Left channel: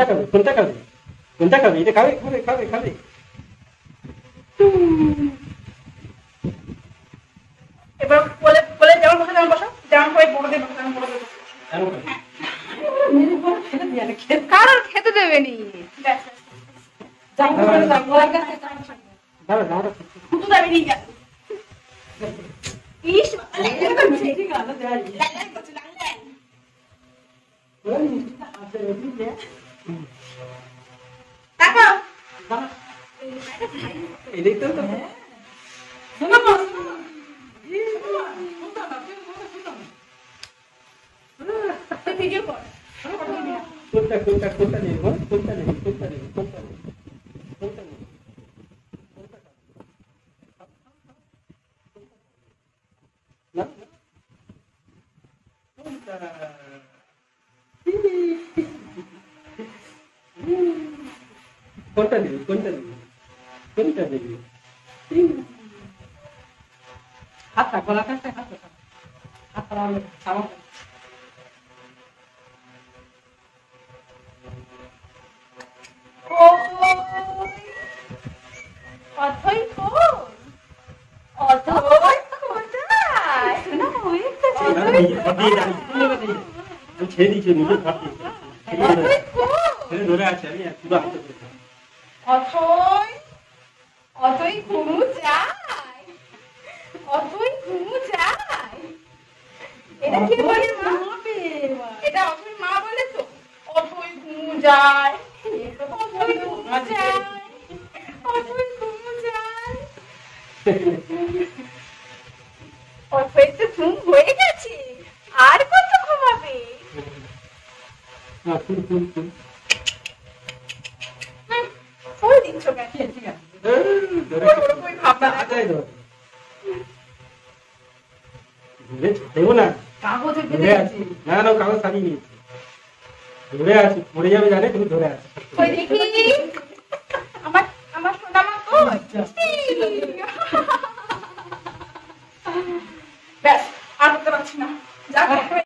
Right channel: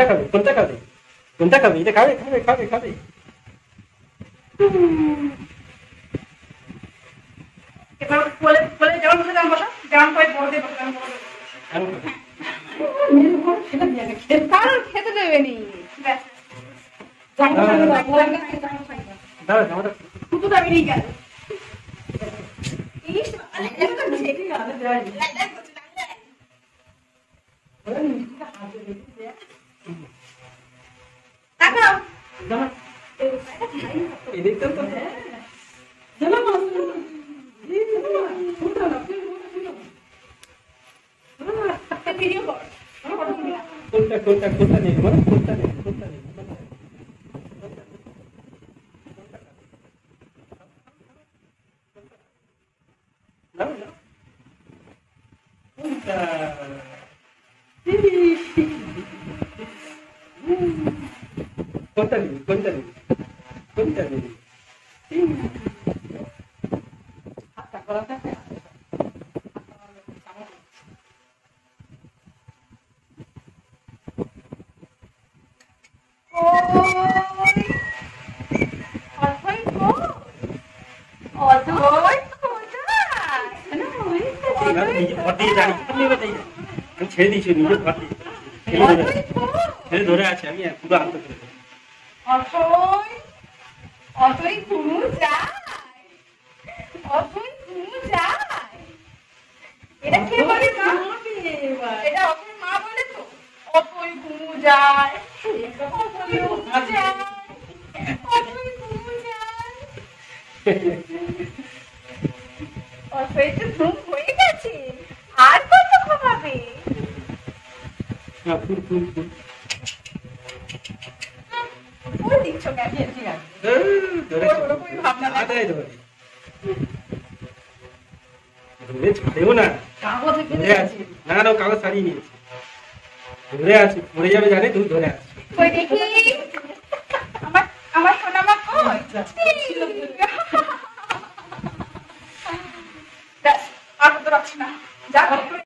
কোনটা খাবে কোনটা খাবে কোনটা খাবে এটা খাবে খাবে খাবে খাবে এবার বলে বলে যেমন বসে যেমন বসো যেমন করে বড়দের বসে যেমন বড়দের কারোর খেতে দেবে নি দাঁড়া জামাটা কুতুটা বেরিয়ে গেল ইস তাকাও এই দেখতেও তো ভিডিও কর কোনটা কোনটা কোনটা নেই মানে কোনটা নেই কোনটা নেই কোনটা নেই কোনটা নেই কোনটা না না কোনটা কোনটা নেই কোনটা নেই কোনটা নেই হাত রাখো হাত রাখো হাত রাখো ছেড়ে দিয়েছি নিজের ঘর দিয়ে ধরে আছে আমি পুরো হাতে ধরে অতই ঘুমু যায় অতই ঘুমু যায় এটা কে বলে মা এটা অতই মা বলে তো অতই ঘুমু যায় অতই ঘুমু যায় অতই ঘুমু যায় অতই তো ঘুম হয়ে গেছে আর কত ঘুমাবে ফুল ফুল ফুল ফুল দিচ্ছ কেন ধরে আদায় ধরে ধরে ছাড়েও না ধরে আছি না না কাগজ ছাড়িয়ে নিয়েছি ধরে আছি পড়ে যাবে জানে তুমি ধরে আছি কই দেখি আমার আমার সোনা মা কই